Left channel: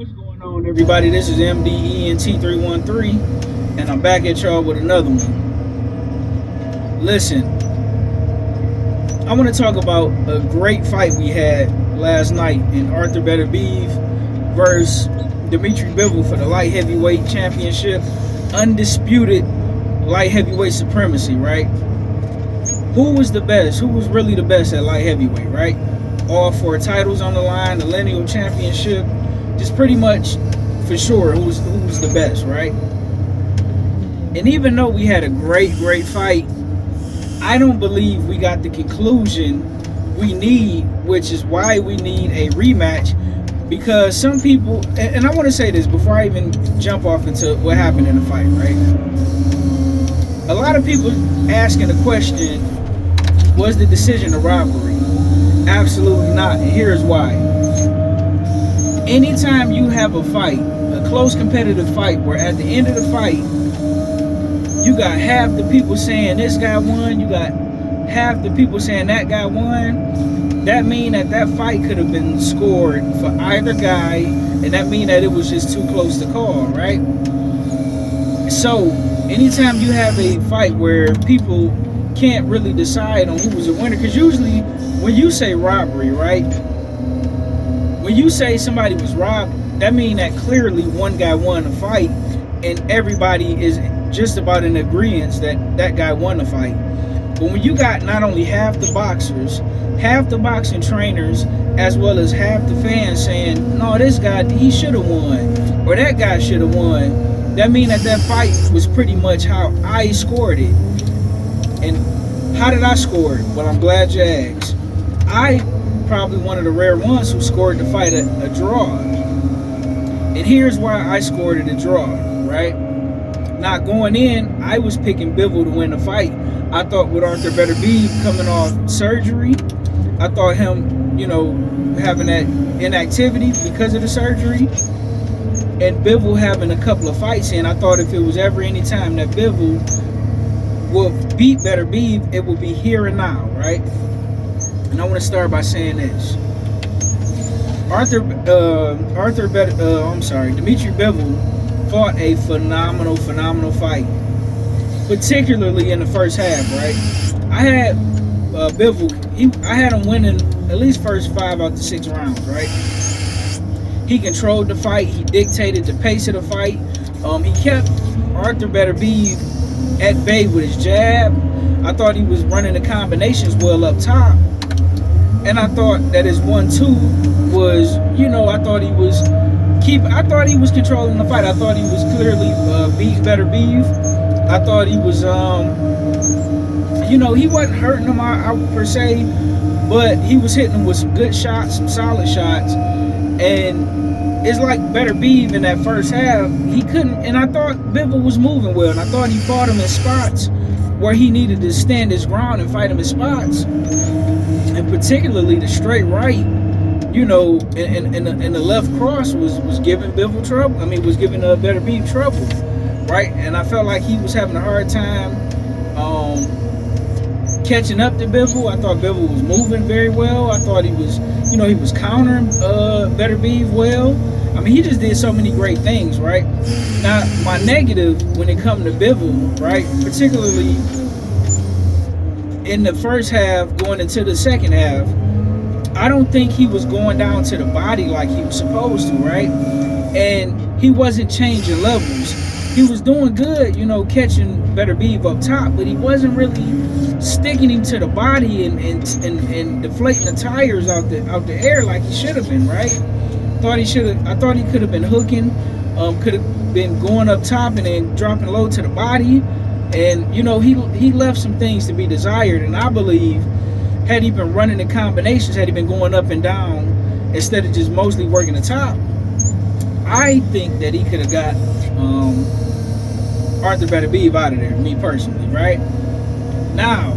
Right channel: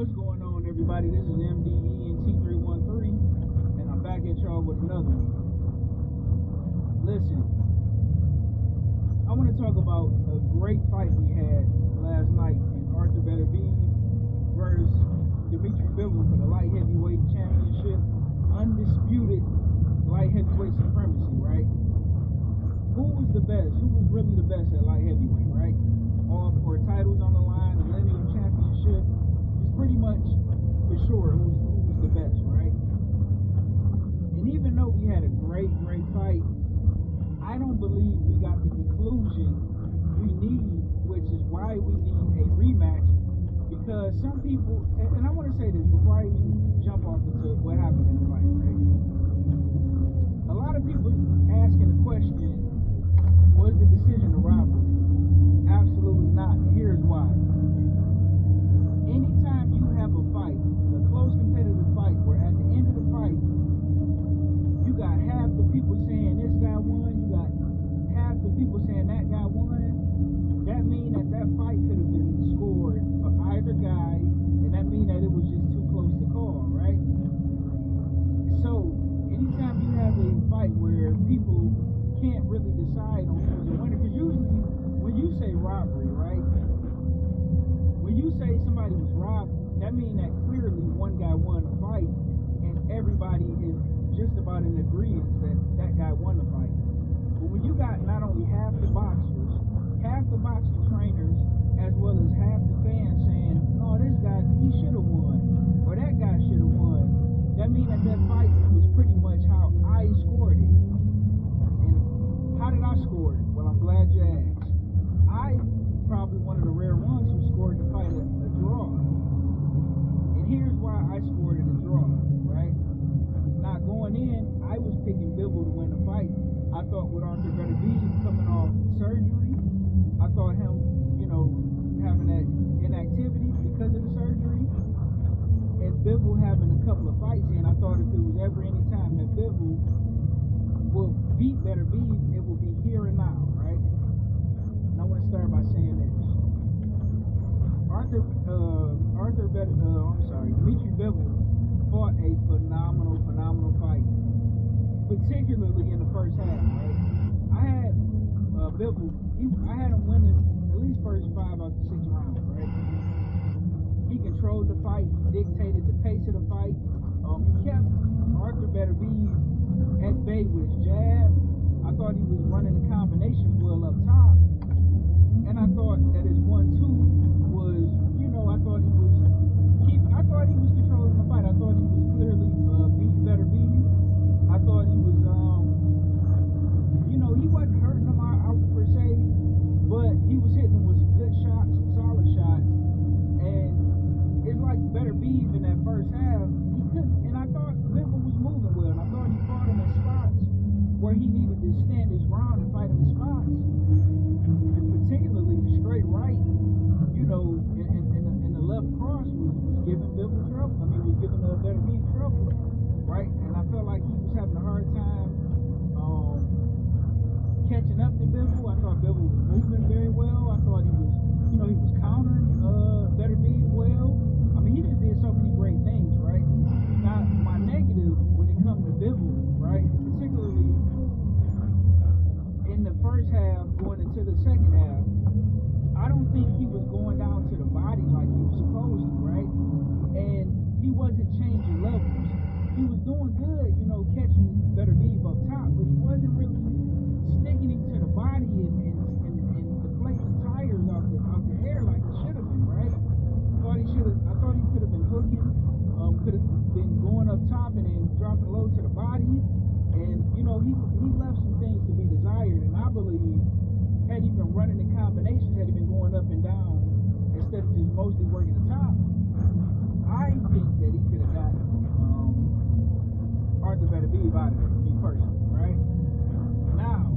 What's going on, everybody? This is MDENT313, and I'm back at y'all with another one. Listen, I want to talk about a great fight we had last night in Arthur Betterbiev versus Dmitry Bivol for the light heavyweight championship, undisputed light heavyweight supremacy, right? Who was the best? Who was really the best at light heavyweight, right? All four titles on the line, the lineal championship, just pretty much for sure who's the best, right? And even though we had a great fight, I don't believe we got the conclusion we need, which is why we need a rematch. Because some people, and I want to say this before I even jump off into what happened in the fight, right? A lot of people asking the question, was the decision a robbery? Absolutely not, and here's why. Anytime you have a fight, a close competitive fight, where at the end of the fight, you got half the people saying this guy won, you got half the people saying that guy won, that mean that fight could have been scored for either guy, and that mean that it was just too close to call, right? So, anytime you have a fight where people can't really decide on who was a winner, because usually when you say robbery, right, when you say somebody was robbed, that means that clearly one guy won a fight and everybody is just about in agreement that that guy won the fight. But when you got not only half the boxers, half the boxing trainers, as well as half the fans saying, no, this guy, he should have won, or that guy should have won, that means that fight was pretty much how I scored it. And how did I score it? Well, I'm glad you asked. I probably one of the rare ones who scored the fight a draw. And here's why I scored it a draw, right? Now, going in, I was picking Bivol to win the fight. I thought with Arthur Betterbiev coming off surgery, I thought him, having that inactivity because of the surgery, and Bivol having a couple of fights in, I thought if it was ever any time that Bivol would beat Betterbiev, it would be here and now, right? And I want to start by saying this. Dmitry Bivol fought a phenomenal fight, particularly in the first half, right? I had Bivol, I had him winning at least first 5 out of 6 rounds, right? He controlled the fight. He dictated the pace of the fight. He kept Arthur Betterbiev at bay with his jab. I thought he was running the combinations well up top. And I thought that his 1-2 was, I thought he was controlling the fight. I thought he was clearly beating Betterbiev. I thought he was, he wasn't hurting him out per se, but he was hitting him with some good shots, some solid shots. And it's like Betterbiev in that first half, he couldn't, and I thought Bivol was moving well, and I thought he fought him in spots where he needed to stand his ground and fight him in spots. And particularly the straight right, and the left cross was giving Bivol trouble. I mean, was giving Betterbiev trouble, right? And I felt like he was having a hard time catching up to Bivol. I thought Bivol was moving very well. I thought he was, he was countering Betterbiev well. I mean, he just did so many great things, right? Now, my negative when it comes to Bivol, right, particularly in the first half going into the second half, I don't think he was going down to the body like he was supposed to, right? And he wasn't changing levels. He was doing good, catching Betterbiev up top, but he wasn't really sticking him to the body and deflating the tires out the air like he should have been, right? I thought he could have been hooking, could have been going up top and then dropping low to the body. And, he left some things to be desired. And I believe, had he been running the combinations, had he been going up and down, instead of just mostly working the top, I think that he could have got Arthur Betterbiev out of there, me personally, right? Now,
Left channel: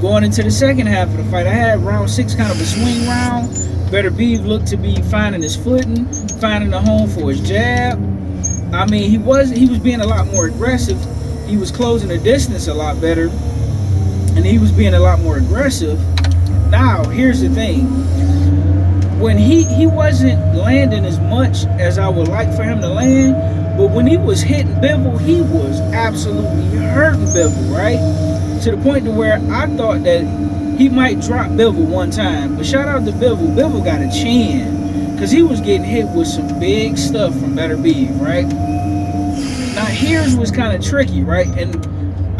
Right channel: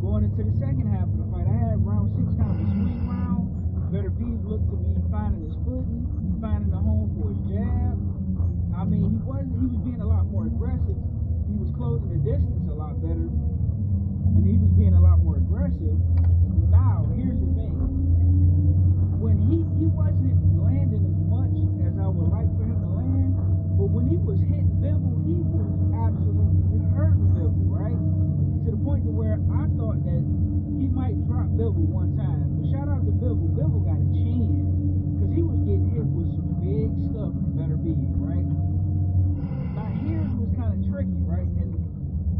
going into the second half of the fight, I had round 6 kind of a swing round. Betterbiev looked to be finding his footing, finding a home for his jab. I mean, he was being a lot more aggressive. He was closing the distance a lot better, and he was being a lot more aggressive. Now, here's the thing. when he wasn't landing as much as I would like for him to land, but when he was hitting Bivol, he was absolutely hurting Bivol, right? To the point to where I thought that he might drop Bivol one time. But shout out to Bivol. Bivol got a chin, because he was getting hit with some big stuff from Betterbiev, right? Now here's what's kind of tricky, right? And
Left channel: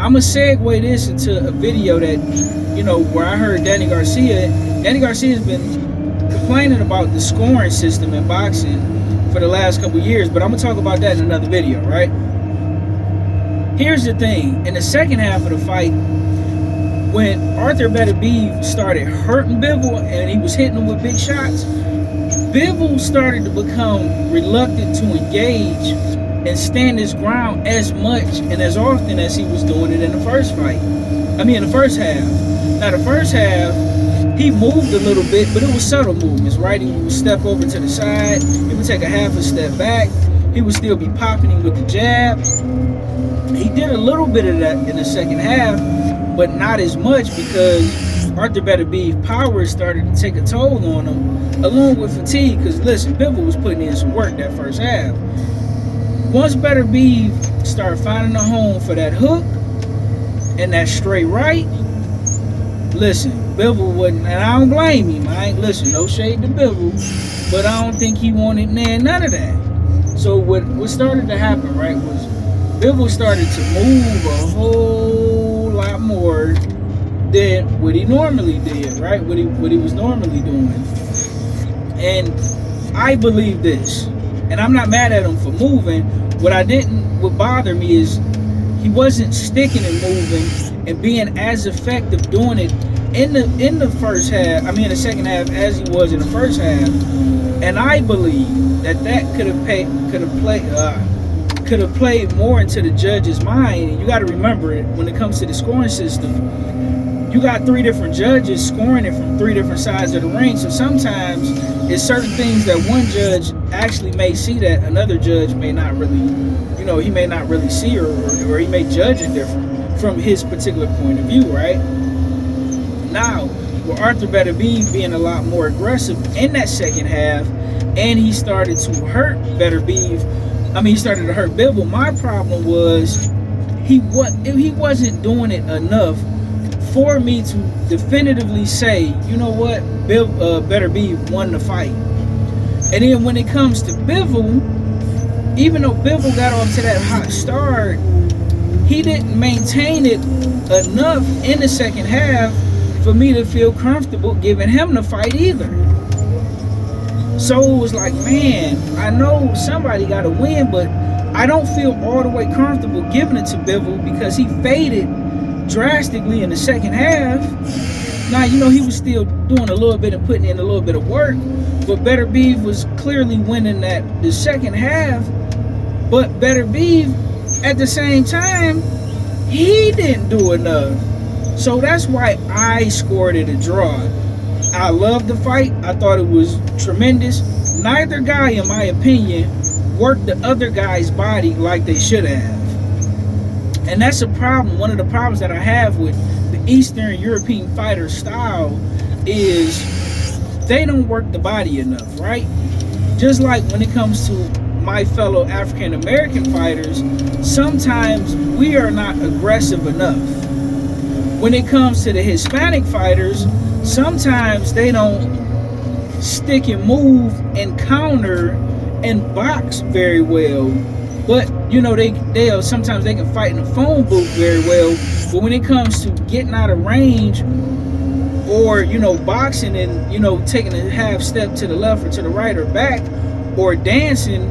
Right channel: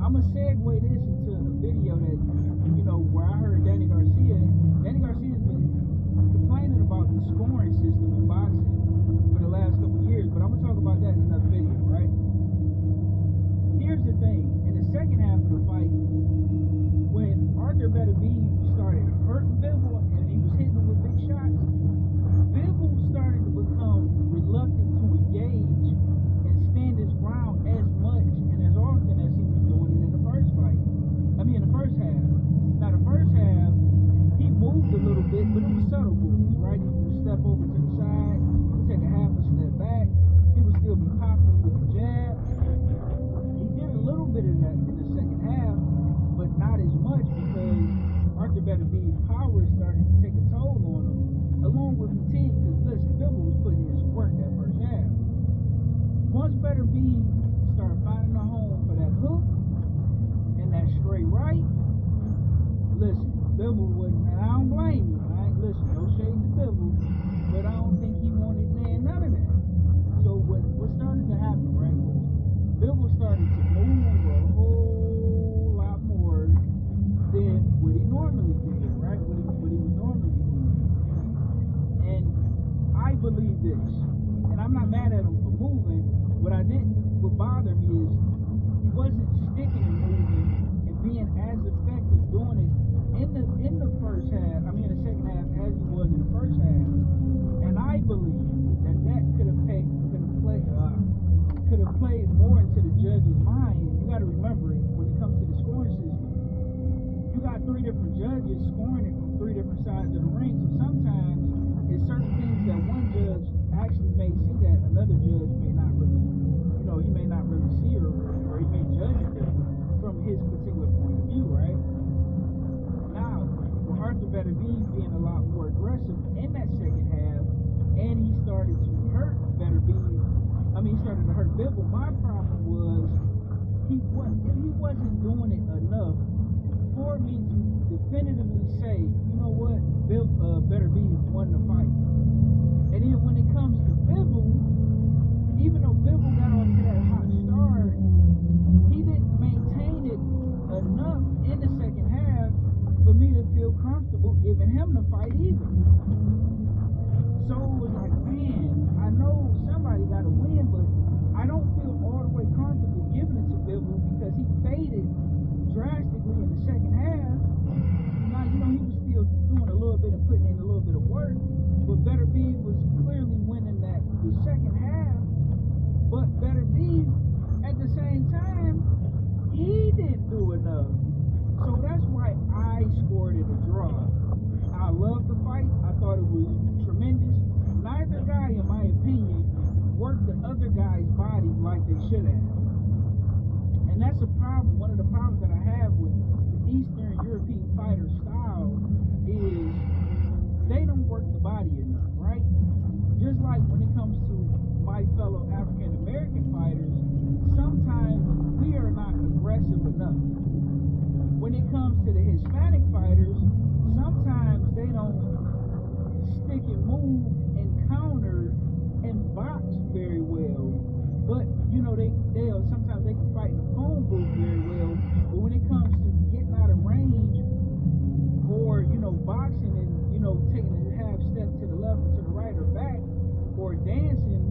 I'm going to segue this into a video that, you know, where I heard Danny Garcia. Danny Garcia's been complaining about the scoring system in boxing for the last couple years, but I'm gonna talk about that in another video, right? Here's the thing: in the second half of the fight, when Arthur Betterbiev started hurting Bivol and he was hitting him with big shots, Bivol started to become reluctant to engage and stand his ground as much and as often as he was doing it in the first fight. I mean, in the first half. Now, the first half, he moved a little bit, but it was subtle movements, right? He would step over to the side. He would take a half a step back. He would still be popping him with the jab. He did a little bit of that in the second half, but not as much, because Arthur Betterbiev's power started to take a toll on him, along with fatigue. Because listen, Bivol was putting in some work that first half. Once Betterbiev started finding a home for that hook and that straight right, listen, Bivol wasn't, and I don't blame him. I ain't, listen, no shade to Bivol, but I don't think he wanted none of that. So what started to happen, right, was Bivol started to move a whole lot more than what he normally did, right? What he was normally doing. And I believe this, and I'm not mad at him for moving. What bothered me is he wasn't sticking and moving and being as effective doing it in the first half, I mean the second half, as he was in the first half. And I believe that could have played more into the judge's mind. And you got to remember it, when it comes to the scoring system, you got 3 different judges scoring it from 3 different sides of the ring. So sometimes it's certain things that one judge actually may see that another judge may not really, you know, he may not really see, or he may judge it different from his particular point of view, right? Now, with Arthur Betterbiev being a lot more aggressive in that second half, and he started to hurt he started to hurt Bivol. My problem was he wasn't doing it enough for me to definitively say, you know what, Betterbiev won the fight. And then when it comes to Bivol, even though Bivol got off to that hot start, he didn't maintain it enough in the second half for me to feel comfortable giving him the fight either. So it was like, man, I know somebody got to win, but I don't feel all the way comfortable giving it to Bivol, because he faded drastically in the second half. Now, you know, he was still doing a little bit and putting in a little bit of work, but Betterbiev was clearly winning the second half. But Betterbiev, at the same time, he didn't do enough. So that's why I scored it a draw. I loved the fight. I thought it was tremendous. Neither guy, in my opinion, worked the other guy's body like they should have. And that's a problem. One of the problems that I have with the Eastern European fighter style is they don't work the body enough, right? Just like when it comes to my fellow African American fighters, sometimes we are not aggressive enough. When it comes to the Hispanic fighters, sometimes they don't stick and move and counter and box very well. But, you know, sometimes they can fight in a phone booth very well. But when it comes to getting out of range, or, you know, boxing and, you know, taking a half step to the left or to the right or back, or dancing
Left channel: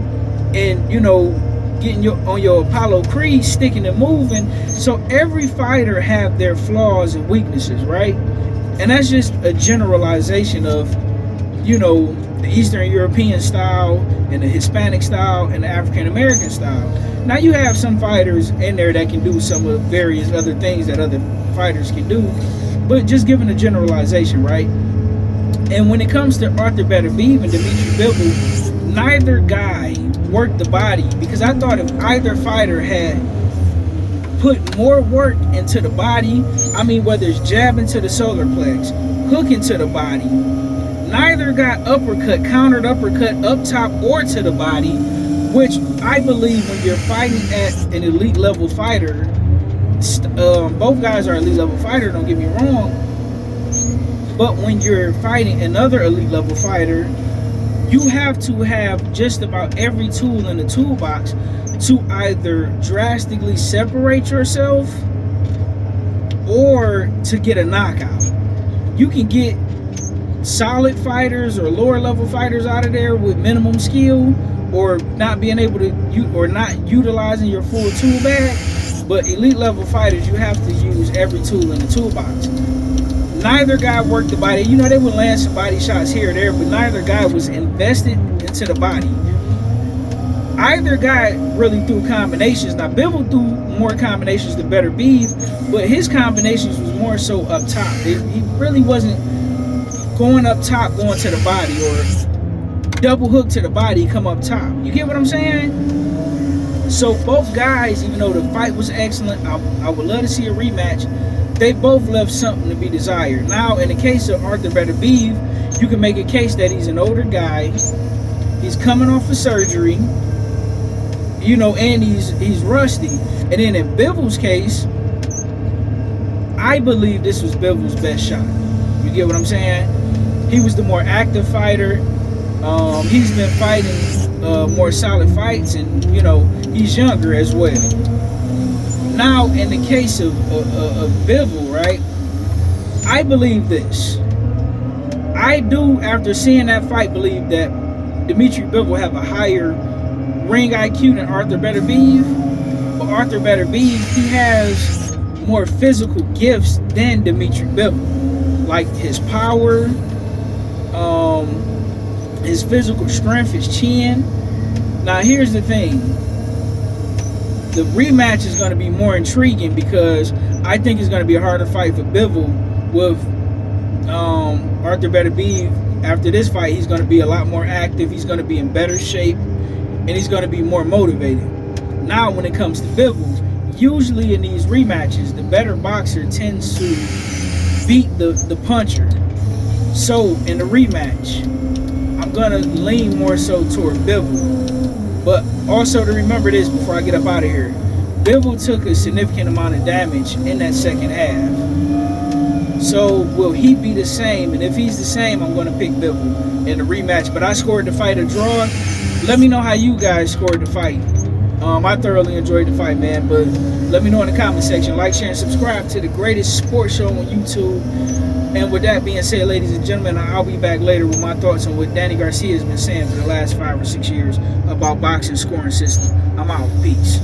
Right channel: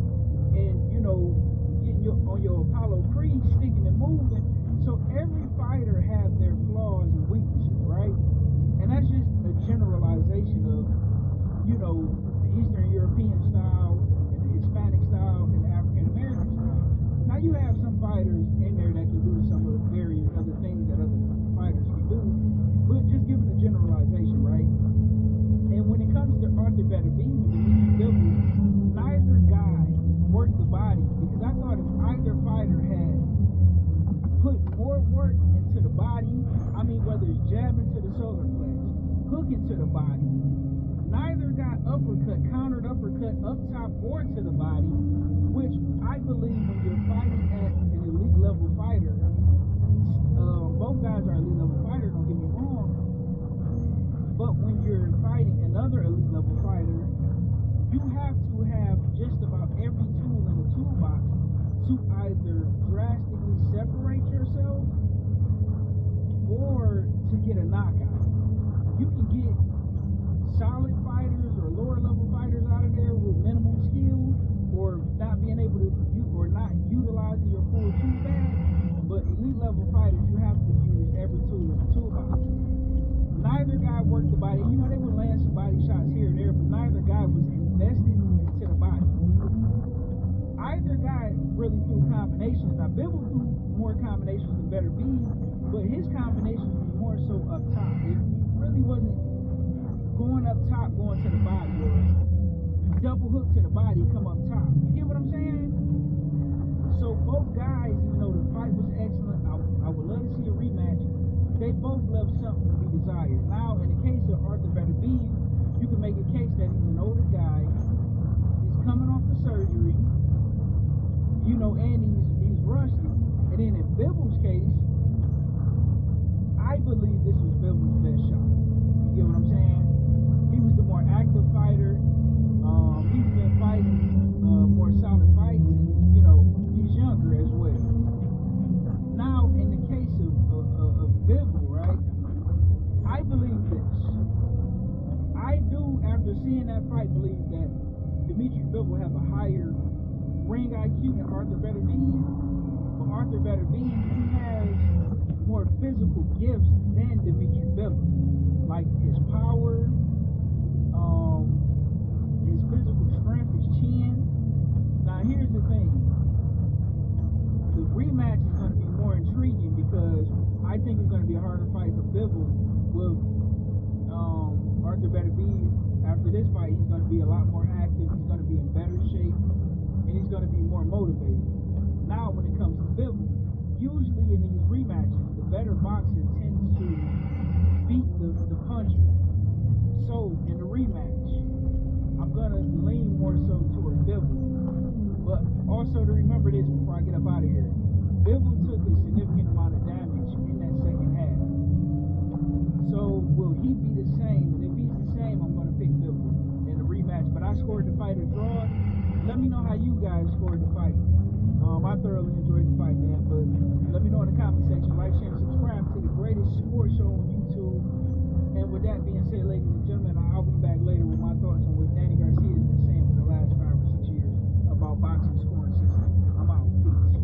and, you know, getting on your Apollo Creed, sticking and moving. So every fighter have their flaws and weaknesses, right? And that's just a generalization of, you know, the Eastern European style and the Hispanic style and the African American style. Now you have some fighters in there that can do some of various other things that other fighters can do, but just giving a generalization, right? And when it comes to Arthur Betterbiev and Dmitry Bivol, neither guy worked the body, because I thought if either fighter had put more work into the body, I mean, whether it's jabbing to the solar plex, hooking to the body, neither neither got uppercut, countered uppercut up top or to the body, which I believe when you're fighting at an elite level fighter, both guys are elite level fighter, don't get me wrong, but when you're fighting another elite level fighter, you have to have just about every tool in the toolbox to either drastically separate yourself or to get a knockout. You can get solid fighters or lower level fighters out of there with minimum skill, or not being able to, or not utilizing your full tool bag. But elite level fighters, you have to use every tool in the toolbox. Neither guy worked the body. You know, they would land some body shots here or there, but neither guy was invested into the body. Either guy really threw combinations. Now, Bivol threw more combinations than Betterbiev, but his combinations was more so up top. He really wasn't going up top, going to the body, or double hook to the body, come up top. You get what I'm saying? So both guys, even though the fight was excellent, I would love to see a rematch. They both left something to be desired. Now, in the case of Arthur Betterbiev, you can make a case that he's an older guy. He's coming off of surgery, you know, and he's rusty. And then in Bivol's case, I believe this was Bivol's best shot. You get what I'm saying? He was the more active fighter. He's been fighting more solid fights, and you know, he's younger as well. Now, in the case of Bivol, right? I believe this. I do, after seeing that fight, believe that Dmitry Bivol have a higher ring IQ than Arthur Betterbiev. But Arthur Betterbiev, he has more physical gifts than Dmitry Bivol. Like his power, his physical strength, his chin. Now, here's the thing. The rematch is going to be more intriguing because I think it's going to be a harder fight for Bivol with Arthur Betterbiev. After this fight, he's going to be a lot more active. He's going to be in better shape, and he's going to be more motivated. Now, when it comes to Bivol, usually in these rematches, the better boxer tends to beat the puncher. So, in the rematch, I'm going to lean more so toward Bivol. But also to remember this before I get up out of here, Bivol took a significant amount of damage in that second half. So will he be the same? And if he's the same, I'm going to pick Bivol in the rematch. But I scored the fight a draw. Let me know how you guys scored the fight. I thoroughly enjoyed the fight, man. But let me know in the comment section. Like, share, and subscribe to the greatest sports show on YouTube. And with that being said, ladies and gentlemen, I'll be back later with my thoughts on what Danny Garcia has been saying for the last 5 or 6 years about boxing scoring system. I'm out. Peace.